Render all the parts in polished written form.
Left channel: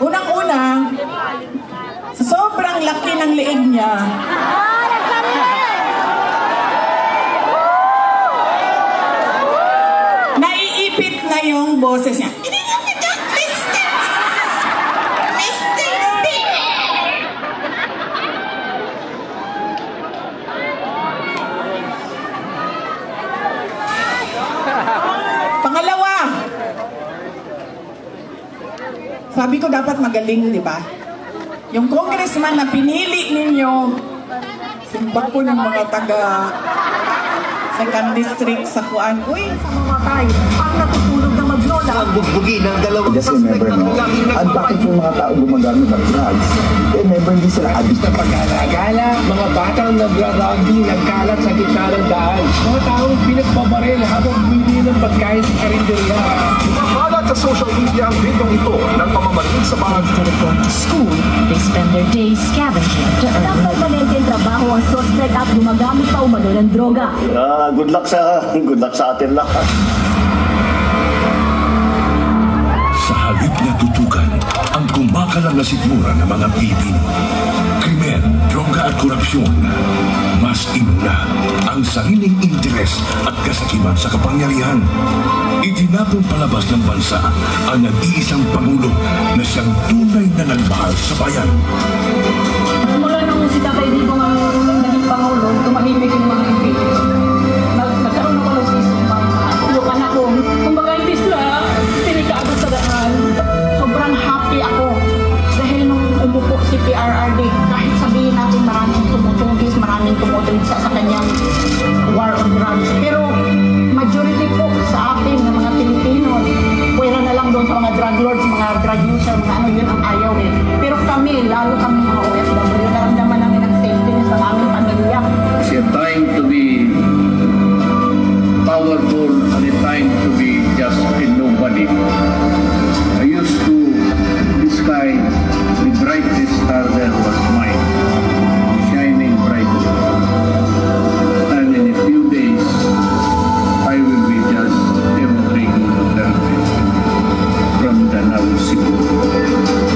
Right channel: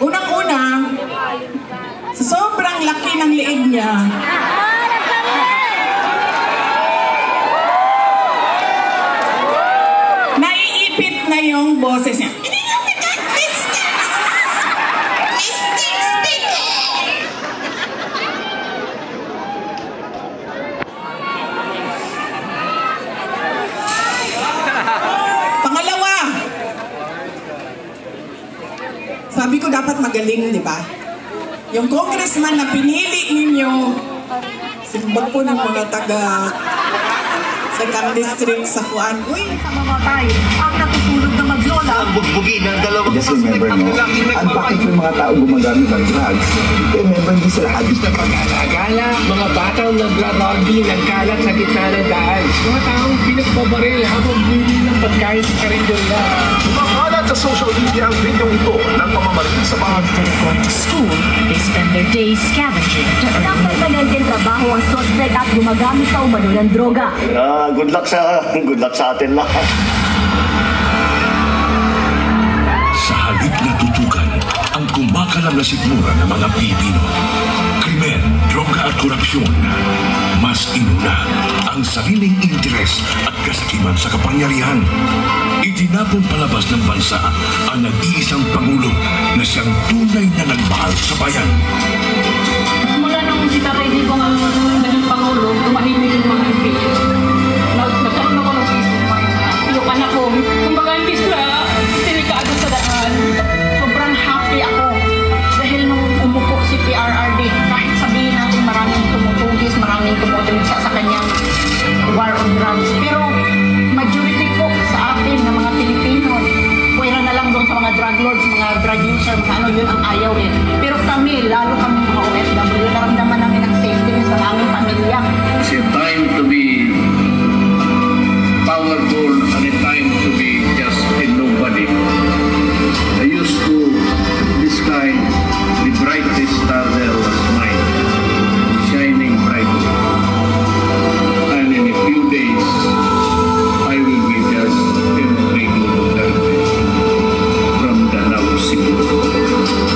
Unang-una, sa sobrang laki ng liig niya, naiipit na yung boses niya. Pangalawa, sabi ko dapat magaling, di ba? Yung congressman na pinili ninyo, simbag po ng mga taga Second District sa Kuan. Uy, sa mga tayo, ang natutulog na maglola. Ang bugbugi ng dalawang just remember, no? Ang bakit yung mga tao gumagamit ng drugs? Remember, hindi sila addict. Sa pag-alagala, mga batang nagra-rugby, nagkalat sa gitna ng daan. Mga taong pinagpabaril habang bumili ng pagkain sa karinderya. Makalat sa social media ang video ito ng pamamaril sa bahay. Instead of going to school, they spend their days scavenging to earn money. Permanenteng trabaho ang suspect at gumagamit pa umano ng droga. Good luck sa atin lahat. Sa halip na tutukan ang kumakalam na sikmura ng mga Pilipino. Krimen, droga at korupsyon. Mas inuna ang sariling interes at kasakiman sa kapangyarihan. Itinapon palabas ng bansa ang nag-iisang Pangulo na siyang tunay na nagmahal sa bayan. Mula nung si Tatay Digong ang naging Pangulo, tumahimik yung mga MP. Nagkaroon ako ng peace of mind. Yung anak ko, kumbaga hindi sila delikado sa daan. Sobrang happy ako. Dahil nung umupo si PRRD, kahit sabihin natin maraming tumutugis, maraming tumutugis sa kanyang war on drugs. Pero majority po sa atin ng mga Pilipino, pwera na lang doon sa mga drug lords, mga drug user, mga ano yun ang ayaw eh. Pero kami, lalo kami mga OFW, naramdaman namin ang safety sa aming pamilya. It's a time to be powerful and a time to be just a nobody. I used to, this sky, the brightest star there was mine, shining brightly. And in a few days, I will be just Rodrigo Duterte from Danau, Cebu.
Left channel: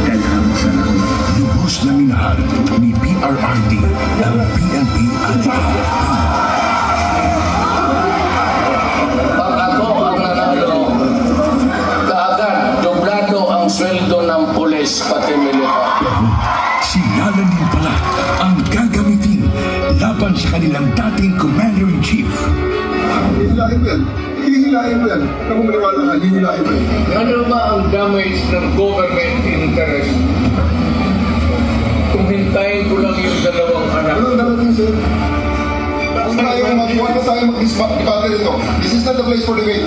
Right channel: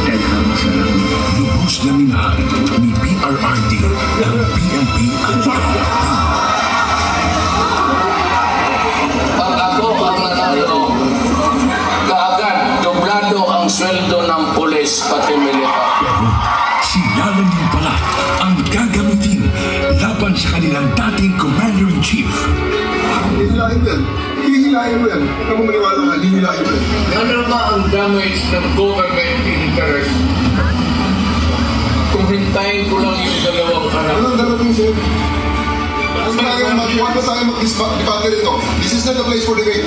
Daghang salamat. Lubos na minahal ni PRRD ang PNP at AFP. Sweldo ng pulis pati militar. Pero sila lang din pala ang gagamitin laban sa kanilang dating Commander-in-Chief. Hihilahin yan. Hihilahin mo yan. Kung maniwala ka, hihilahin mo yan. Ano ba ang damage ng government interest? Kung hintayin ko lang yung dalawang anak. Anong darating sir? Huwag na tayo mag-debate nito. This is not the place for debate.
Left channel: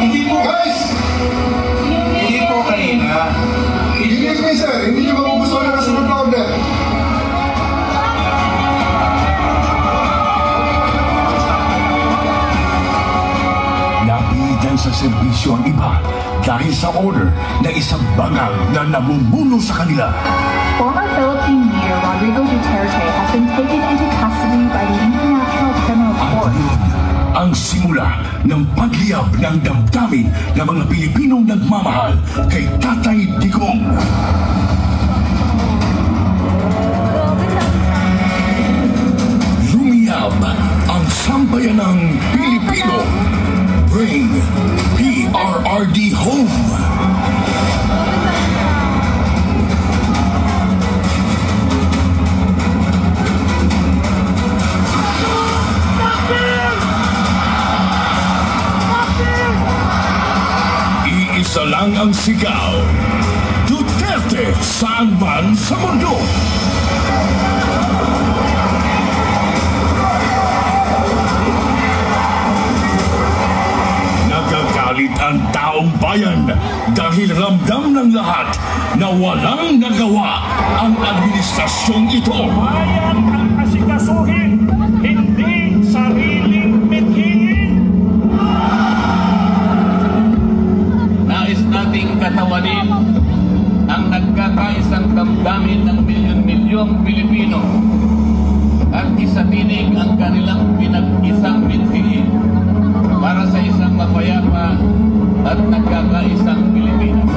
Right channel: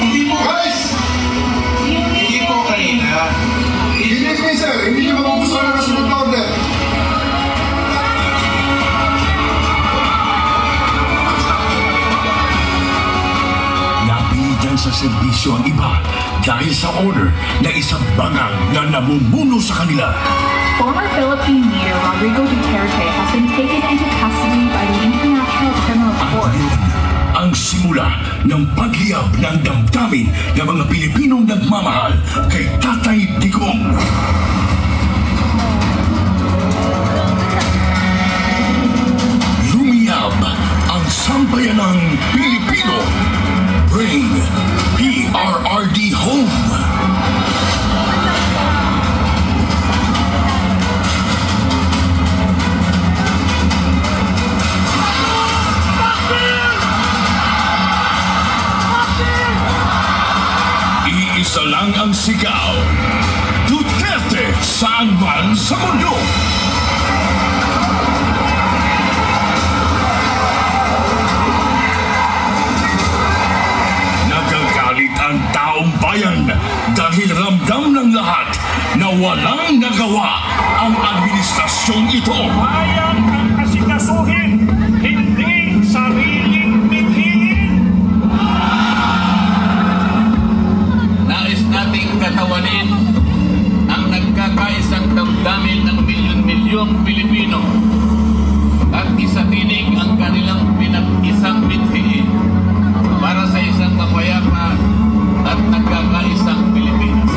Hindi mo. Guys! Hindi po kanina. Hindi me sir. Hindi nyo magugustuhan na nasunod na order. Napilitan sa serbisyo ang iba dahil sa order na isang bangang na namumuno sa kanila. Former Philippine leader Rodrigo Duterte has been taken into custody by the International Criminal Court. At yun ang simula ng pagliyab ng damdamin ng mga Pilipinong nagmamahal kay Tatay Digong. Lumiyab ang sambayanang Pilipino. Bring PRRD home. Iisa lang ang sigaw. Duterte saan man sa mundo. Nagagalit ang taong bayan dahil ramdam ng lahat na walang nagawa ang administrasyong ito. Bayan ang asikasuhin, hindi sariling mithiin. Nais nating katawanin ang nagkakaisang damdamin ng milyon-milyong Pilipino at isatinig ang kanilang pinag-isang mithiin para sa isang mapayapa at nagkakaisang Pilipinas.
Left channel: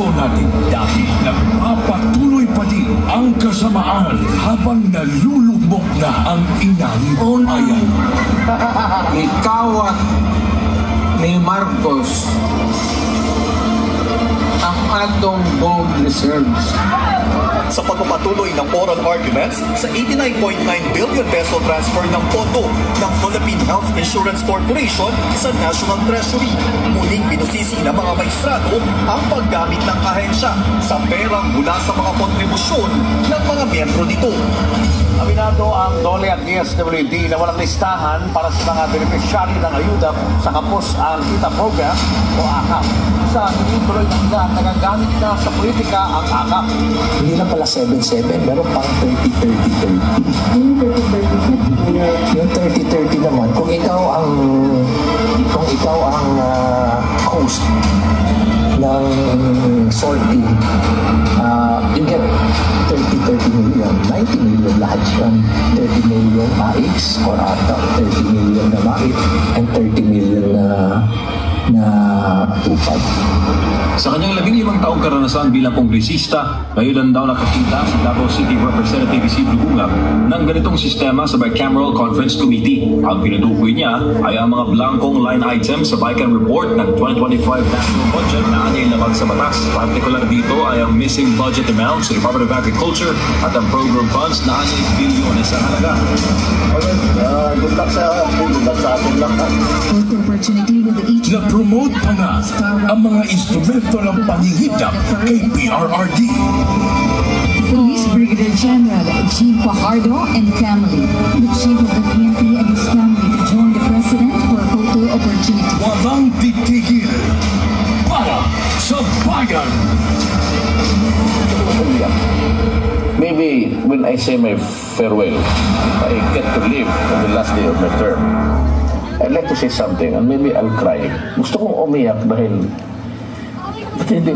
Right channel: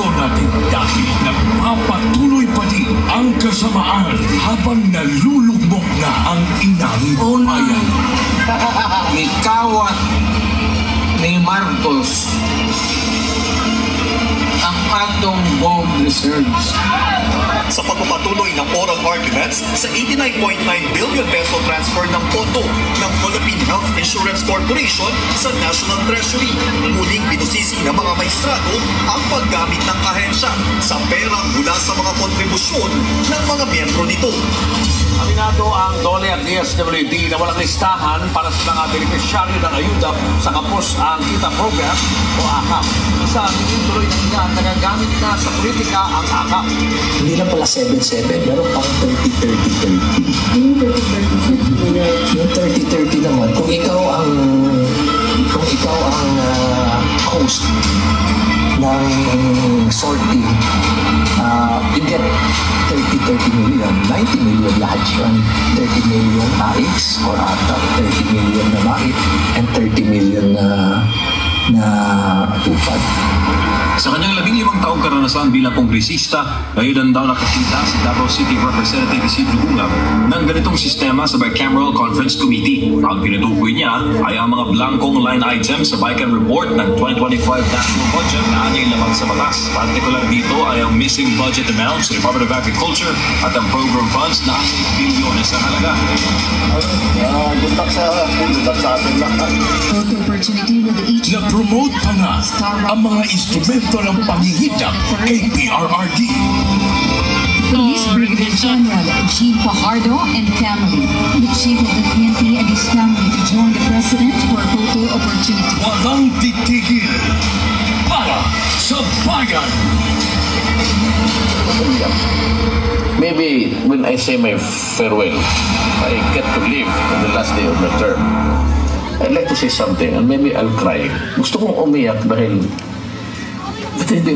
desisyon natin dahil nagpapatuloy pa din ang kasamaan habang nalulugmok na ang inang bayan. May kawat ni Marcos ang atong bomb reserves. Sa pagpapatuloy ng oral arguments sa 89.9 billion peso transfer ng pondo ng Philippine Health Insurance Corporation sa National Treasury, muling binusisi ng mga maestrado ang paggamit ng ahensya sa perang mula sa mga kontribusyon ng mga miyembro nito. Aminado ang DOLE at DSWD na walang listahan para sa mga benepisyaryo ng ayuda sa Kapos ang Kita Program o AKAP. Sa tingin tuloy ng ilan, nagagamit na sa politika ang AKAP. Hindi lang pala 7-7, pero pang 30-30-30. Yung 30-30 naman, kung ikaw ang host ng sorting, you get 30 million, 90 million lahat yun. 30 million AIX or ata 30 million na MAIT and 30 million na tupad. Sa kanyang 15 taong karanasan bilang kongresista, ngayon daw nakakita si Davao City Representative Isidro Ungab ng ganitong sistema sa Bicameral Conference Committee. Ang pinutukoy niya ay ang mga blankong line items sa Bican Report ng 2025 National Budget na anyay labag sa batas. Partikular dito ay ang missing budget amounts sa Department of Agriculture at ang program funds na 6 bilyon sa halaga. Good luck sa atin lahat. Na-promote pa nga ang mga instrumento ng panghihitap kay PRRD. Police Brigadier General Jean Fajardo and family, the chief of the PNP and his family to join the president for a photo opportunity. Walang titigil para sa bayan. Maybe when I say my farewell, I get to live on the last day of my term. I'd like to say something and maybe I'll cry. Gusto kong umiyak dahil hindi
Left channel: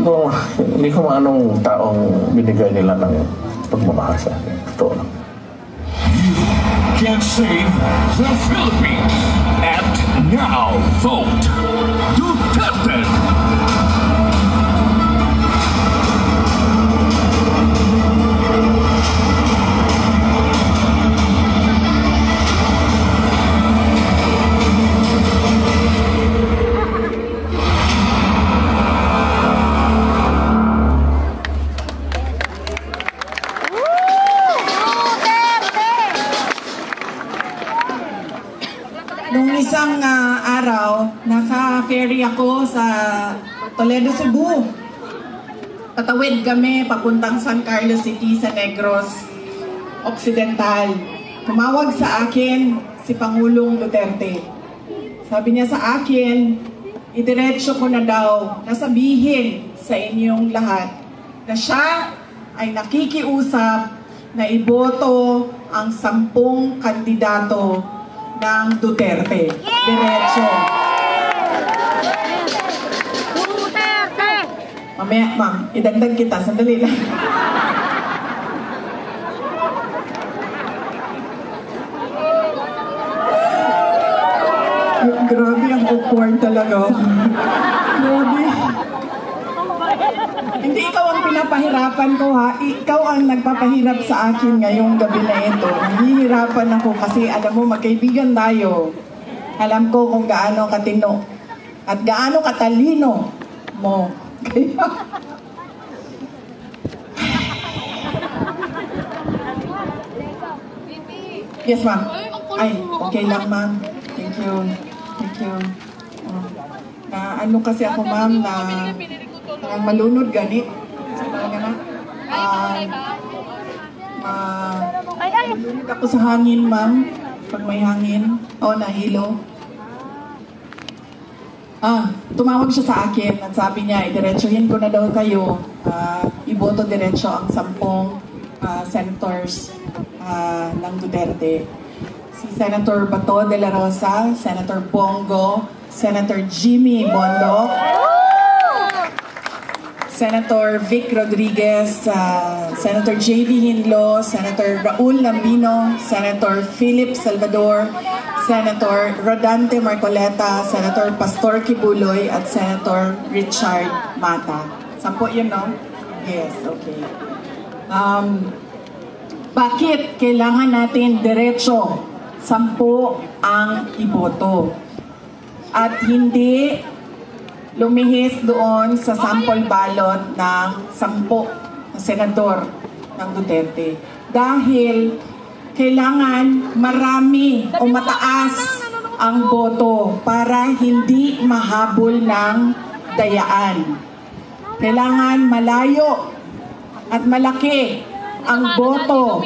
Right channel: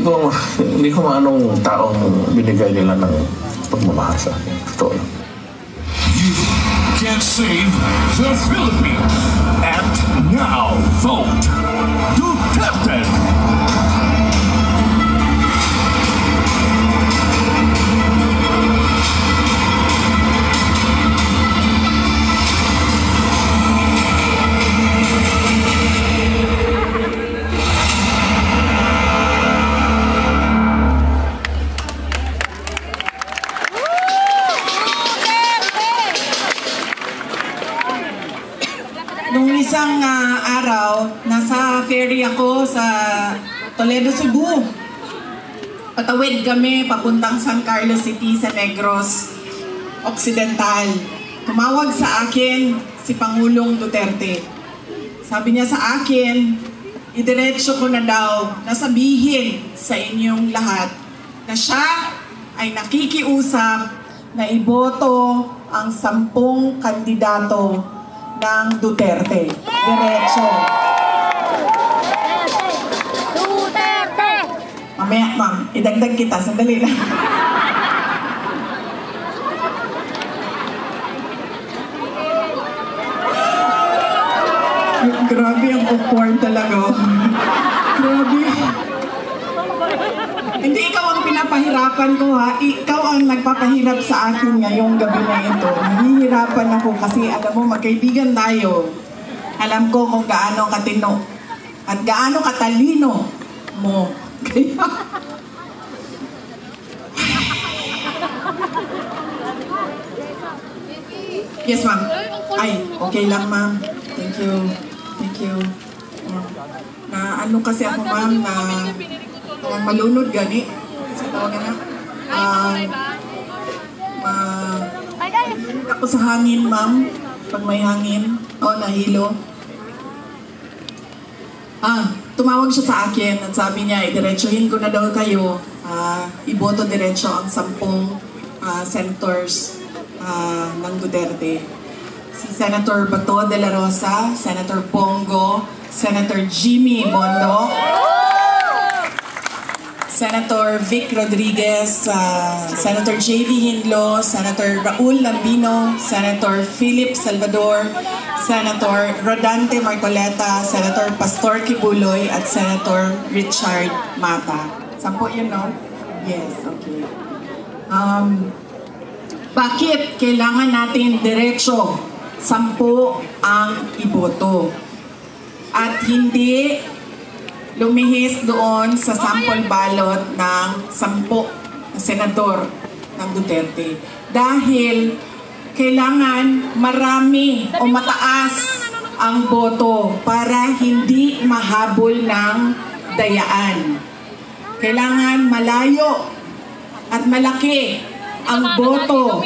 ko maanong taong binigay nila ng pagmamahal sa akin. Totoo lang. You can save the Philippines. And now vote Duterte. Nung isang araw, nasa ferry ako sa Toledo, Cebu. Patawid kami papuntang San Carlos City sa Negros Occidental. Tumawag sa akin si Pangulong Duterte. Sabi niya sa akin, idiretso ko na daw na sabihin sa inyong lahat na siya ay nakikiusap na iboto ang 10 kandidato ng Duterte. Diretso. Duterte! Mamaya, ma'am, idagdag kita. Sandali lang. Grabe, ang awkward talaga. Grabe. Hindi ikaw ang pinapahirapan ko, ha? Ikaw ang nagpapahirap sa akin ngayong gabi na ito. Nahihirapan ako kasi alam mo, magkaibigan tayo. Alam ko kung gaano katino at gaano katalino mo. Kaya... Yes, ma'am. Ay, okay lang, ma'am. Thank you. Thank you. Ano kasi ako, ma'am, na malunod gani. Sa tawag na. Malunod ako sa hangin, ma'am. Pag may hangin. Nahilo. Tumawag siya sa akin at sabi niya, idiretsuhin ko na daw kayo. Iboto diretso ang 10 senators ng Duterte. Si Senator Bato de la Rosa, Senator Bongo, Senator Jimmy Bondoc, Senator Vic Rodriguez, Senator J.V. Hinlo, Senator Raul Lambino, Senator Philip Salvador, Senator Rodante Marcoleta, Senator Pastor Kibuloy, at Senator Richard Mata. 10 yun, no? Yes, okay. Bakit kailangan natin diretso 10 ang iboto? At hindi lumihis doon sa sample ballot ng 10 na senador ng Duterte. Dahil kailangan marami o mataas ang boto para hindi mahabol ng dayaan. Kailangan malayo at malaki ang boto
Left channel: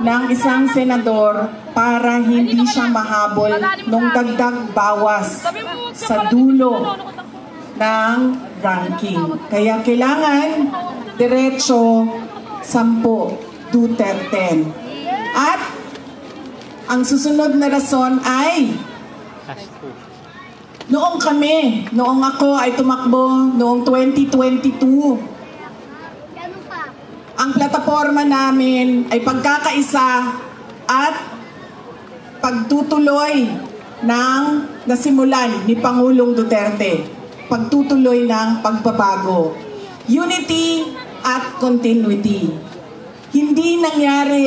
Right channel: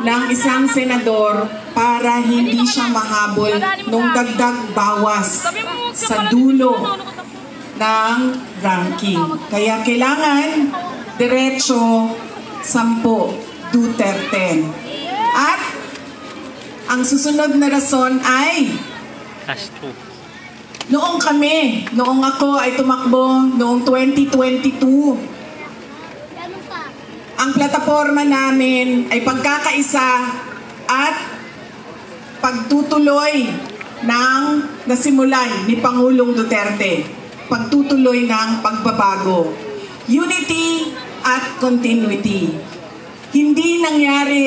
ng isang senador para hindi siya mahabol nung dagdag bawas sa dulo ng ranking. Kaya kailangan diretso 10 Duterte. At ang susunod na rason ay noong ako ay tumakbo noong 2022, ang plataforma namin ay pagkakaisa at pagtutuloy ng nasimulan ni Pangulong Duterte, pagtutuloy ng pagbabago, unity at continuity. Hindi nangyari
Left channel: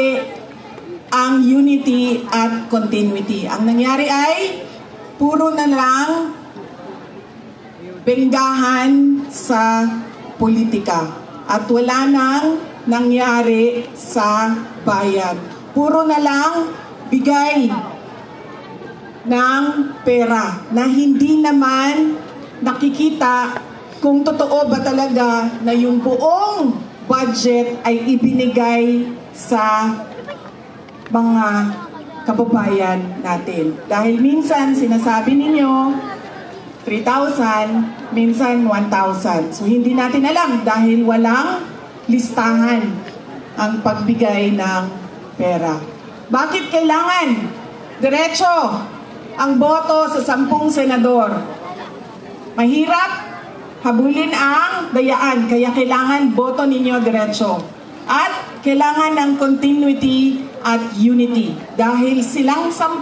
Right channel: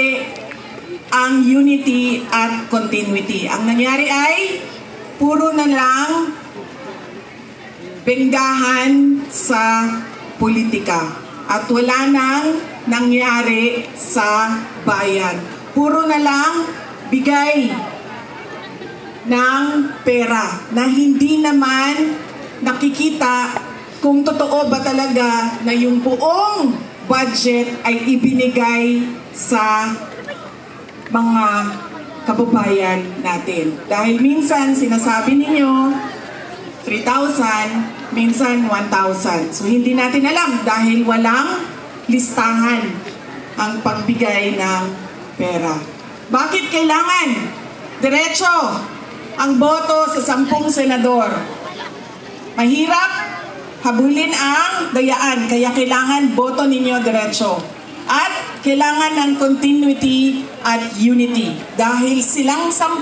ang unity at continuity. Ang nangyari ay puro na lang benggahan sa politika at wala nang nangyari sa bayan. Puro na lang bigay ng pera na hindi naman nakikita kung totoo ba talaga na yung buong budget ay ibinigay sa mga kababayan natin. Dahil minsan sinasabi ninyo 3,000, minsan 1,000. So hindi natin alam dahil walang listahan ang pagbigay ng pera. Bakit kailangan diretso ang boto sa 10 senador? Mahirap habulin ang dayaan, kaya kailangan boto ninyo diretso. At kailangan ng continuity at unity dahil silang 10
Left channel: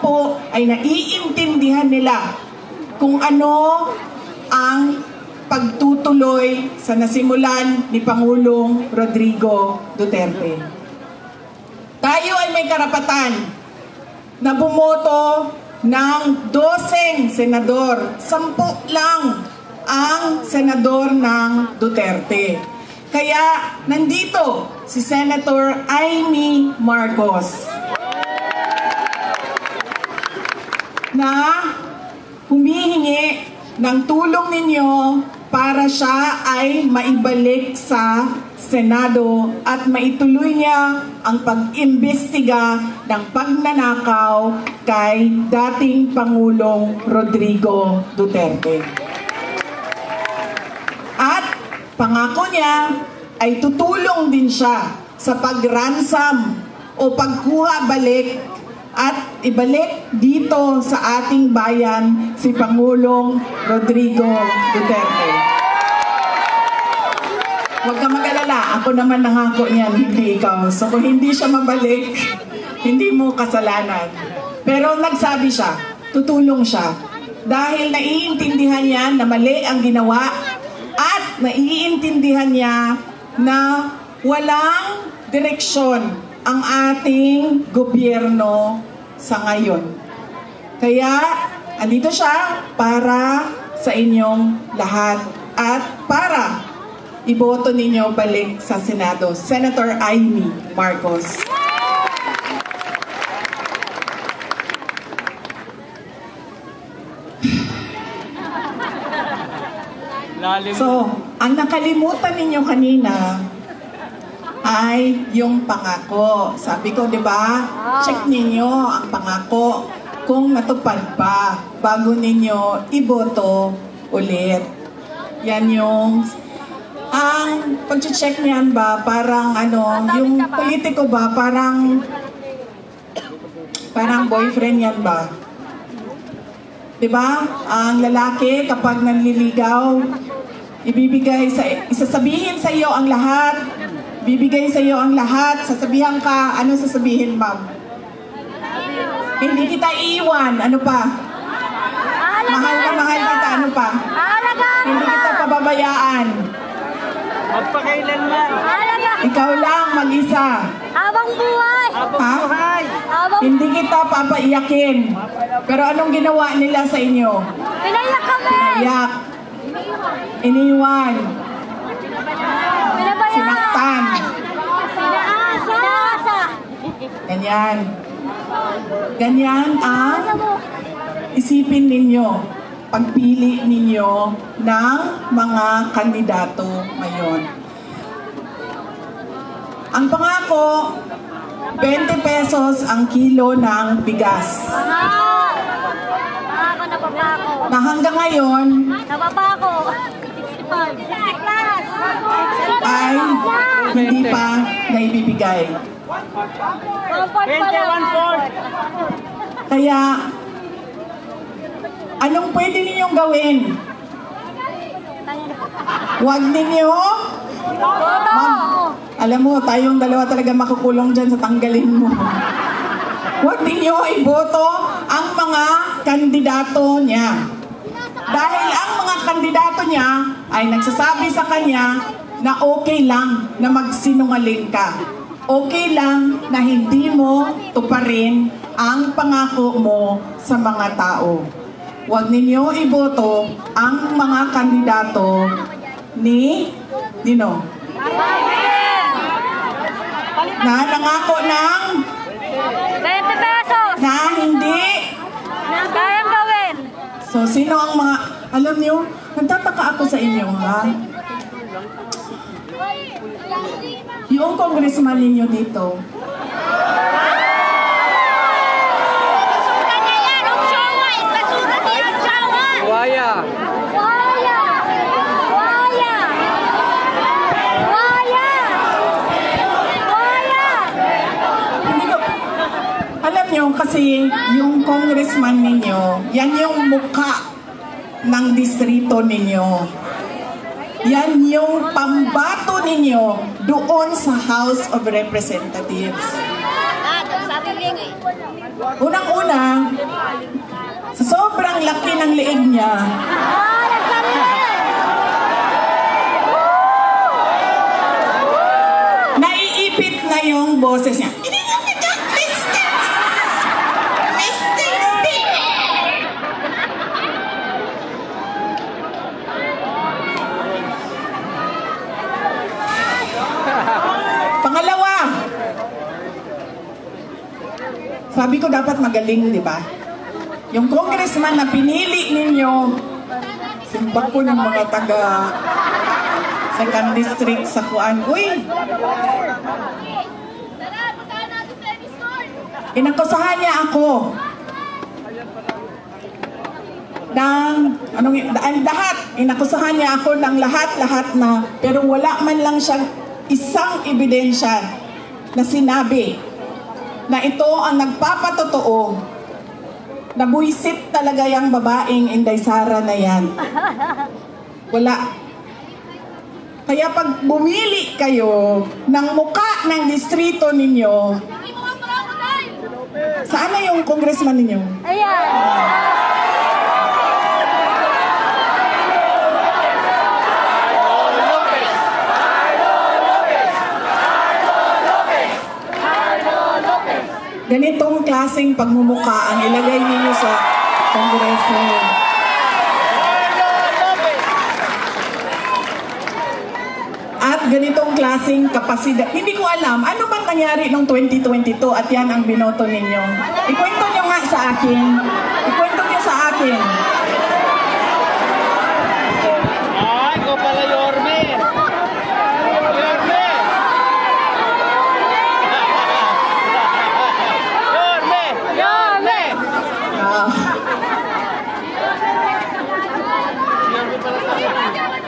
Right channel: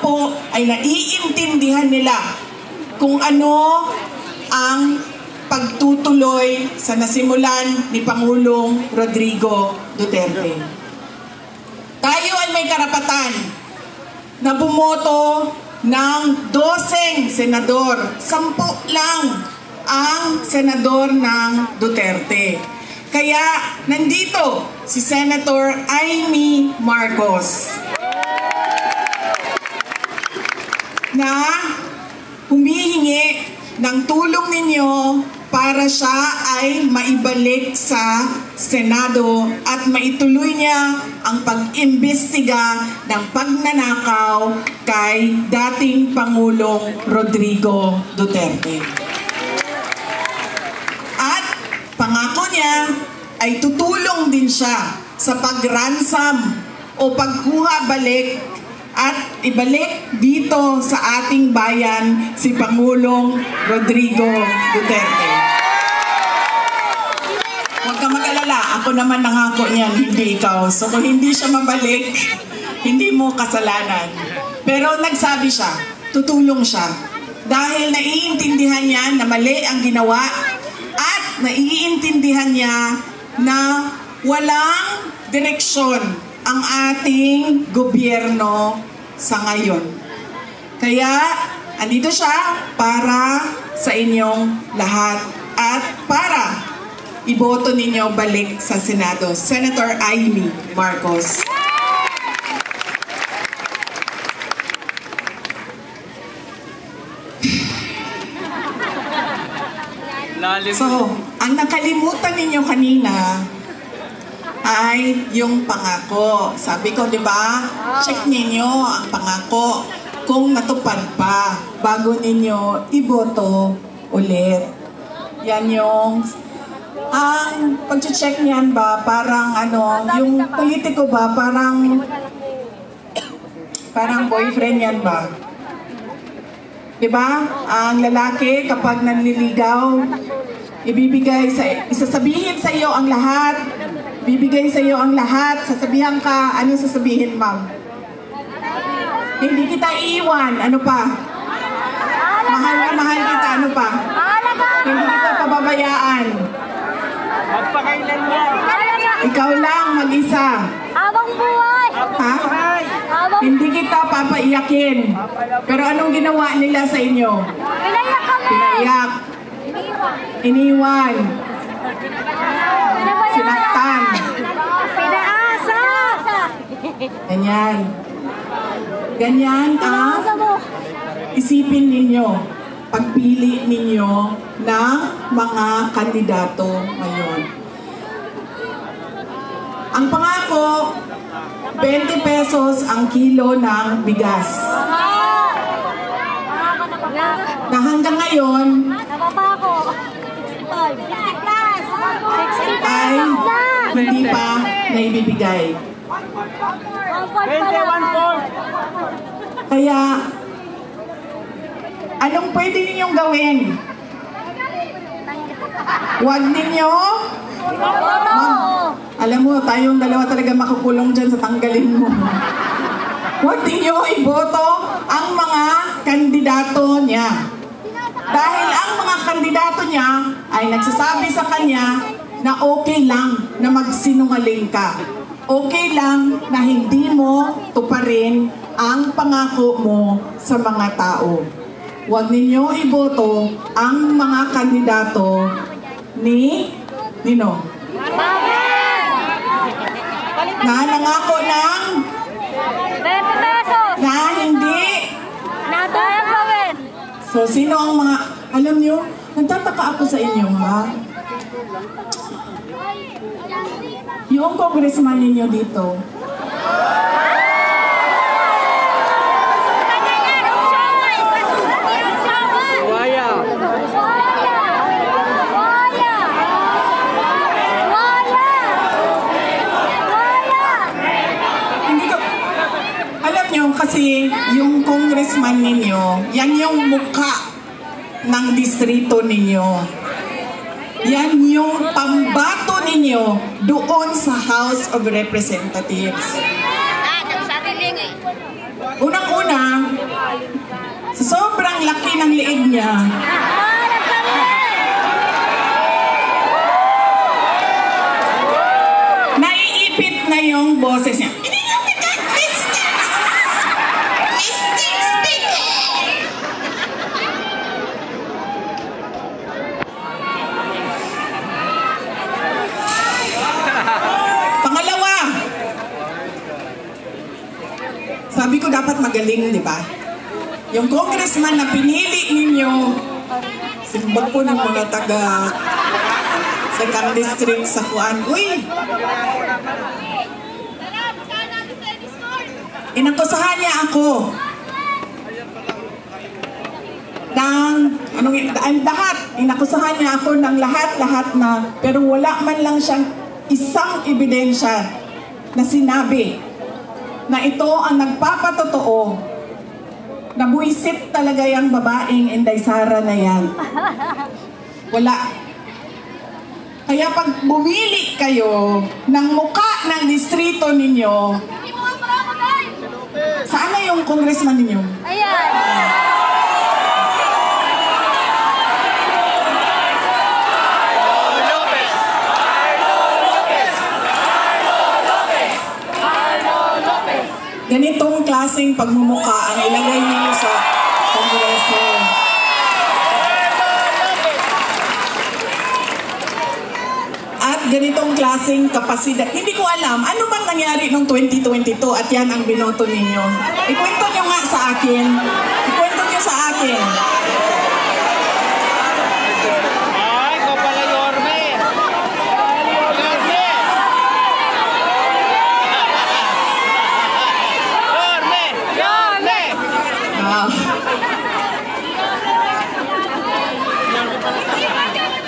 ay naiintindihan nila kung ano ang pagtutuloy sa nasimulan ni Pangulong Rodrigo Duterte. Tayo ay may karapatan na bumoto ng 12 senador. 10 lang ang senador ng Duterte. Kaya nandito si Senator Amy Marcos na humihingi ng tulong ninyo para siya ay maibalik sa Senado at maituloy niya ang pag-imbestiga ng pagnanakaw kay dating Pangulong Rodrigo Duterte. At pangako niya ay tutulong din siya sa pag-ransom o pagkuha balik at ibalik dito sa ating bayan si Pangulong Rodrigo Duterte. Huwag ka mag-alala, ako naman nangako niyan, hindi ikaw. So kung hindi siya mabalik, hindi mo kasalanan. Pero nagsabi siya, tutulong siya. Dahil naiintindihan niya na mali ang ginawa at naiintindihan niya na walang direksyon ang ating gobyerno sa ngayon. Kaya, andito siya para sa inyong lahat at para iboto ninyo balik sa Senado. Senator Amy Marcos. So, ang nakalimutan ninyo kanina ay yung pangako. Sabi ko, di ba? Check ninyo ang pangako kung natupad pa bago ninyo iboto ulit. Yan yung ang pag-check niyan ba parang ano, yung politiko ba parang boyfriend yan ba? Di ba? Ang lalaki kapag nanliligaw, isasabihin sa iyo ang lahat. Bibigay sa iyo ang lahat. Sasabihan ka, ano sasabihin, ma'am? Hindi kita iiwan. Ano pa? Mahal na mahal kita. Ano pa? Hindi kita pababayaan. Ikaw lang mag-isa. Habang buhay. Ha? Hindi kita papaiyakin. Pero anong ginawa nila sa inyo? Pinaiyak. Iniwan. Sinaktan. Ganyan. Ganyan ang isipin ninyo. Pagpili ninyo ng mga kandidato ngayon. Ang pangako, 20 pesos ang kilo ng bigas. Na hanggang ngayon ay hindi pa naibibigay. Kaya, anong pwede ninyong gawin? Huwag ninyo alam mo, tayong dalawa talaga makukulong dyan sa tanggalin mo. Huwag ninyo iboto ang mga kandidato niya. Dahil ang mga kandidato niya ay nagsasabi sa kanya na okay lang na magsinungaling ka. Okay lang na hindi mo tuparin ang pangako mo sa mga tao. Huwag ninyo iboto ang mga kandidato ni Nino. Na nangako ng 20 pesos na hindi. So, sino ang mga, alam niyo, nagtataka ako sa inyo, ha? Yung congressman ninyo dito, kasi yung congressman ninyo, yan yung mukha ng distrito ninyo. Yan yung pambato ninyo doon sa House of Representatives. Unang-una, sa sobrang laki ng liig niya, naiipit na yung boses niya. Sabi ko dapat magaling, di ba? Yung congressman na pinili ninyo, simba po ng mga taga Second District sa Fuan. Uy! Inakusahan niya ako ng, lahat, inakusahan niya ako ng lahat-lahat na, pero wala man lang siyang isang ebidensya na sinabi na ito ang nagpapatotoo na buwisit talaga yung babaeng Inday Sara na yan. Wala. Kaya pag bumili kayo ng muka ng distrito ninyo, saan na yung congressman ninyo? Ayan! Ganitong klaseng pagmumukha ang ilagay niyo sa Kongreso. At ganitong klaseng kapasidad. Hindi ko alam, ano bang nangyari noong 2022 at yan ang binoto ninyo? Ikwento nyo nga sa akin. Ikwento nyo sa akin.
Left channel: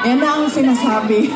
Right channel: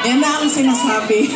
Yan na ang sinasabi.